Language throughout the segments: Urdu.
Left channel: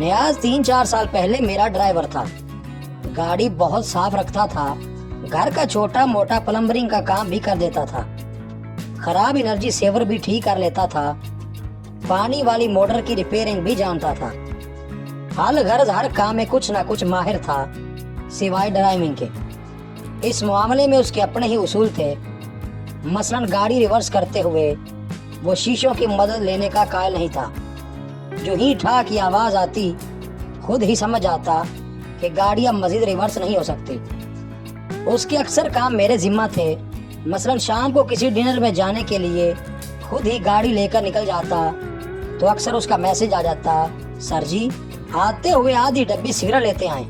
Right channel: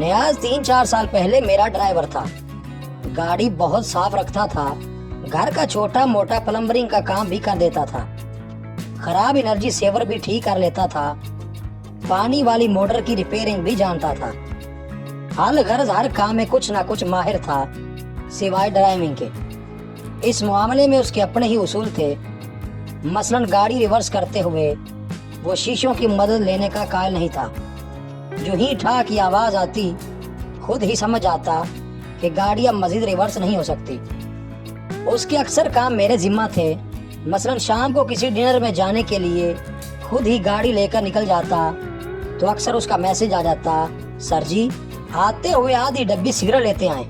نیاز 3-4 سال پہلے میرا ڈرائیور تھا. گاڑی بہت صاف رکھتا تھا. گھر کا چھوٹا موٹا پلمبرنگ کا کام بھی کر دیتا تھا. خراب انرجی سیور بھی ٹھیک کر لیتا تھا. پانی والی موٹر کی ریپیئرنگ بھی جانتا تھا. حال غرض ہر کام میں کچھ نہ کچھ ماہر تھا سوائے ڈرائیونگ کے. اس معاملے میں اس کے اپنے ہی اصول تھے. مثلاً گاڑی ریورس کرتے ہوئے وہ شیشوں کی مدد لینے کا قائل نہیں تھا. جو ہی ٹھا کی آواز آتی خود ہی سمجھ آتا کہ گاڑی اب مزید ریورس نہیں ہو سکتی. اس کے اکثر کام میرے ذمہ تھے. مثلاً شام کو کسی ڈنر میں جانے کے لیے خود ہی گاڑی لے کر نکل جاتا تو اکثر اس کا میسج آ جاتا, سر جی آتے ہوئے آدھی ڈبی سگریٹ لیتے آئیں.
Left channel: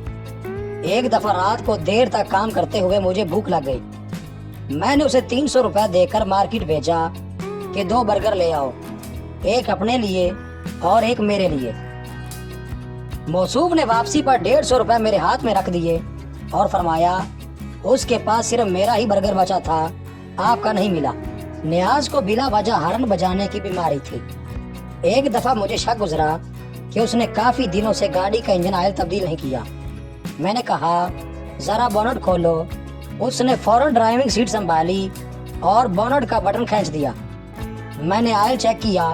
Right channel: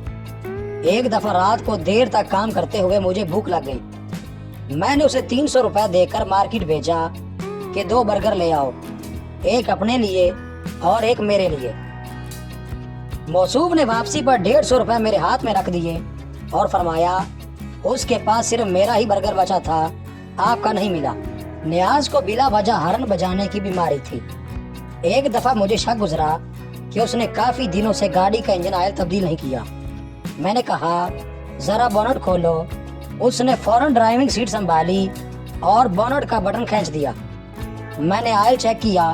ایک دفعہ رات کو دیر تک کام کرتے ہوئے مجھے بھوک لگ گئی. میں نے اسے 300 روپے دے کر مارکیٹ بھیجا کہ 2 برگر لے آؤ, ایک اپنے لیے اور ایک میرے لیے. موصوف نے واپسی پر 150 روپے میرے ہاتھ میں رکھ دیے اور فرمایا اس کے پاس صرف میرا ہی برگر بچا تھا, آپ کا نہیں ملا. نیاز کو بلا وجہ ہارن بجانے کی بیماری تھی. ایک دفعہ مجھے شک گزرا کہ اس نے کافی دنوں سے گاڑی کا انجن آئل تبدیل نہیں کیا. میں نے کہا ذرا بونٹ کھولو. اس نے فوراً ڈرائیونگ سیٹ سنبھالی اور بونٹ کا بٹن کھینچ دیا. میں نے آئل چیک کیا,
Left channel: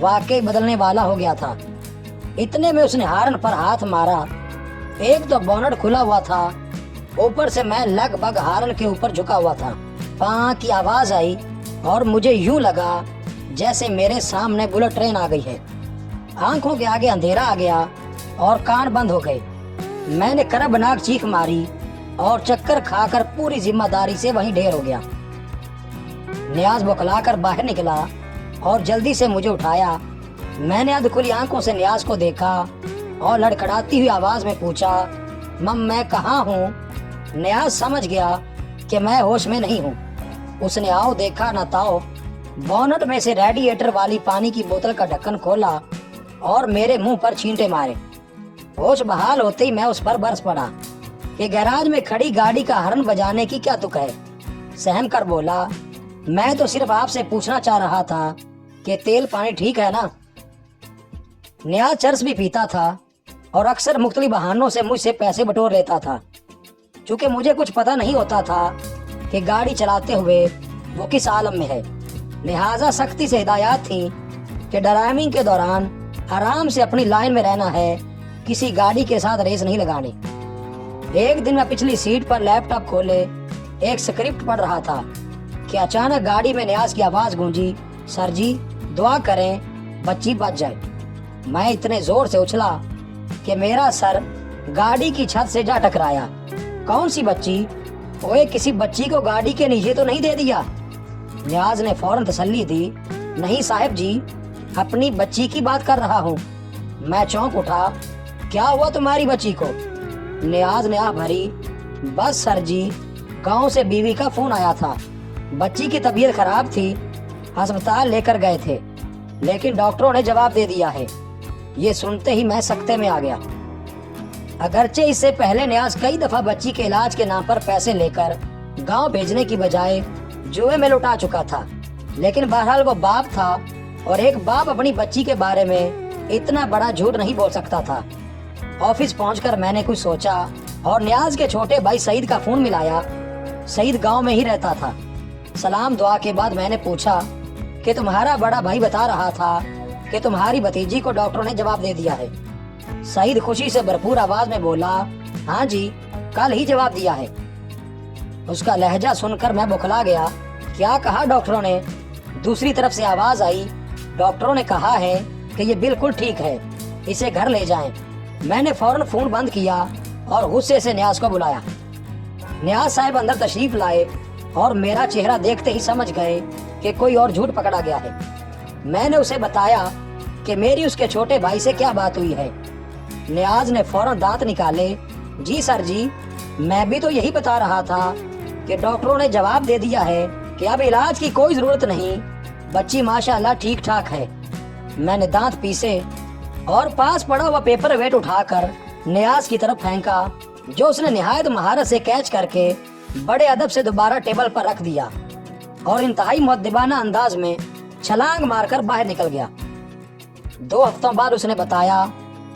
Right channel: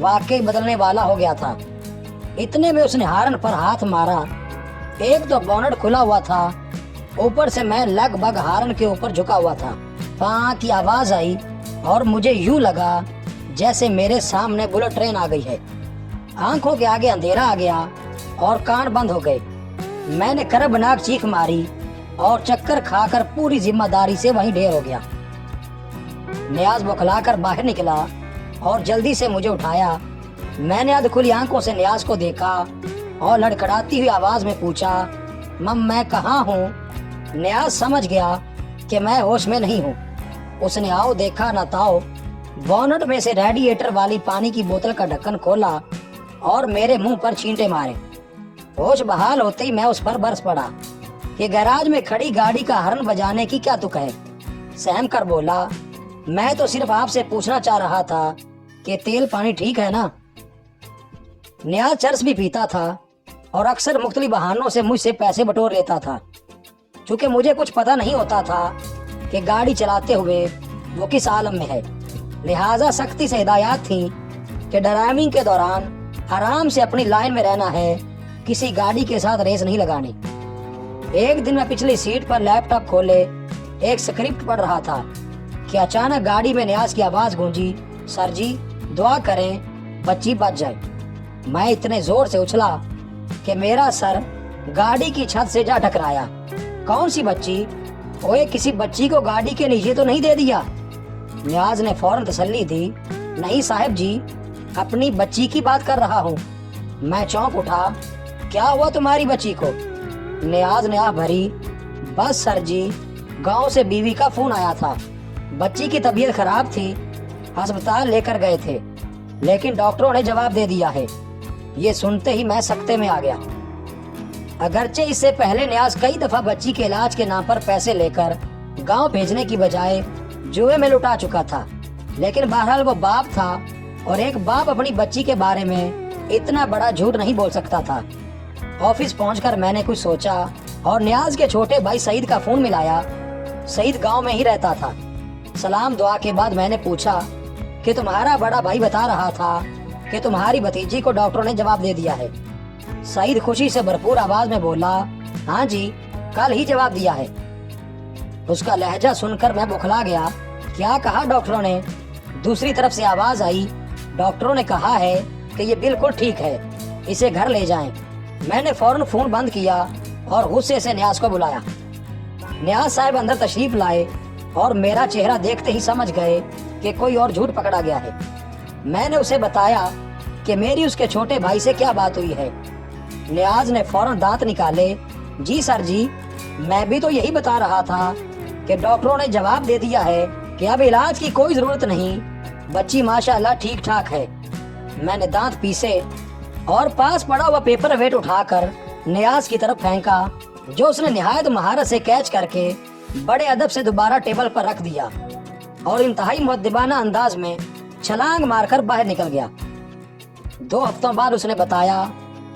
واقعی بدلنے والا ہو گیا تھا. اتنے میں اس نے ہارن پر ہاتھ مارا. ایک تو بونٹ کھلا ہوا تھا, اوپر سے میں لگ بھگ ہارن کے اوپر جھکا ہوا تھا. پاں کی آواز آئی اور مجھے یوں لگا جیسے میرے سامنے بلٹ ٹرین آ گئی ہے. آنکھوں کے آگے اندھیرا آ گیا اور کان بند ہو گئے. میں نے کربناک چیخ ماری اور چکر کھا کر پوری ذمہ داری سے وہیں ڈھیر ہو گیا. نیاز بکلا کر باہر نکلا اور جلدی سے مجھے اٹھایا. میں نے ادھ کھلی آنکھوں سے نیاز کو دیکھا اور لڑکھڑاتی ہوئی آواز میں پوچھا, مم میں کہاں ہوں؟ نیاز سمجھ گیا کہ میں ہوش میں نہیں ہوں. اس نے آؤ دیکھا نہ تاؤ بونٹ میں سے ریڈیئیٹر والی پانی کی بوتل کا ڈھکن کھولا اور میرے منہ پر چھینٹے مارے. ہوش بحال ہوتے ہی میں اس پر برس پڑا کہ گیراج میں کھڑی گاڑی کا ہارن بجانے کی کیا تک ہے. سہم کر بولا, میں تو صرف آپ سے پوچھنا چاہ رہا تھا کہ تیل پانی ٹھیک ہے نا. نیاز چرس بھی پیتا تھا اور اکثر مختلف بہانوں سے مجھ سے پیسے بٹور لیتا تھا. چونکہ مجھے کچھ پتہ نہیں ہوتا تھا کہ گاڑی چلاتے ہوئے وہ کس عالم میں ہے, لہٰذا سختی سے ہدایات تھی کہ ڈرائیونگ کے دوران آرام سے اپنی لائن میں رہنا ہے, کسی گاڑی کے ساتھ ریس نہیں لگانی. ایک دن میں پچھلی سیٹ پر لیپ ٹاپ کھولے ایک سکرپٹ پڑھ رہا تھا کہ اچانک گاڑی میں نیاز کی آواز گونجی, سر جی دعا کریں بچی بچ جائے. میں اتنے زور سے اچھلا کہ میرا سر گاڑی کی چھت سے جا ٹکرایا. کون سی بچی؟ اوے کسی بچی کو گاڑی کے نیچے تو نہیں دے دیا؟ نیاز نے فوراً تسلی دی, نہیں صاحب جی اپنی بچی کی بات کر رہا ہوں. میں چونک اٹھا, کیا ہوا تمہاری بچی کو؟ نیاز نے بھری, بس سر جی گاؤں سے بیوی کا فون آیا تھا, بچی کی طبیعت خراب تھی, ہسپتال لے کر گئے تھے لیکن ڈاکٹروں نے جواب دے دیا ہے. یہ سنتے ہی میں سکتے میں آ گیا. اگرچہ اس سے پہلے نیاز کئی دفعہ بچی کے علاج کے نام پر پیسے لے کر گاؤں بھیجنے کی بجائے جوئے میں لٹا چکا تھا, لیکن بہرحال وہ باپ تھا اور ایک باپ اپنی بچی کے بارے میں اتنا بڑا جھوٹ نہیں بول سکتا تھا. آفس پہنچ کر میں نے کچھ سوچا اور نیاز کے چھوٹے بھائی سعید کا فون ملایا. سعید گاؤں میں ہی رہتا تھا. سلام دعا کے بعد میں نے پوچھا کہ تمہارا بڑا بھائی بتا رہا تھا کہ تمہاری بھتیجی کو ڈاکٹروں نے جواب دے دیا ہے. سعید خوشی سے بھرپور آواز میں بولا, ہاں جی کل ہی جواب دیا ہے. اس کا لہجہ سن کر میں بکھلا گیا, کیا کہا ڈاکٹروں نے؟ دوسری طرف سے آواز آئی, ڈاکٹروں نے کہا ہے کہ یہ بالکل ٹھیک ہے, اسے گھر لے جائیں. میں نے فوراً فون بند کیا اور غصے سے نیاز کو بلایا. نیاز صاحب اندر تشریف لائے اور میرا چہرہ دیکھتے ہی سمجھ گئے کہ کوئی اور جھوٹ پکڑا گیا ہے. میں نے اسے بتایا کہ میری اس کے چھوٹے بھائی سے کیا بات ہوئی ہے. نیاز نے فوراً دانت نکالے, جی سر جی میں بھی تو یہی بتا رہا تھا کہ ڈاکٹروں نے جواب دے دیا ہے کہ اب علاج کی کوئی ضرورت نہیں, بچی ماشاءاللہ ٹھیک ٹھاک ہے. میں نے دانت پیسے اور پاس پڑا ہوا پیپر ویٹ اٹھا کر نیاز کی طرف پھینکا, جو اس نے نہایت مہارت سے کیچ کر کے بڑے ادب سے دوبارہ ٹیبل پر رکھ دیا اور انتہائی مؤدبانہ انداز میں چھلانگ مار کر باہر نکل گیا. 2 ہفتوں بعد اس نے بتایا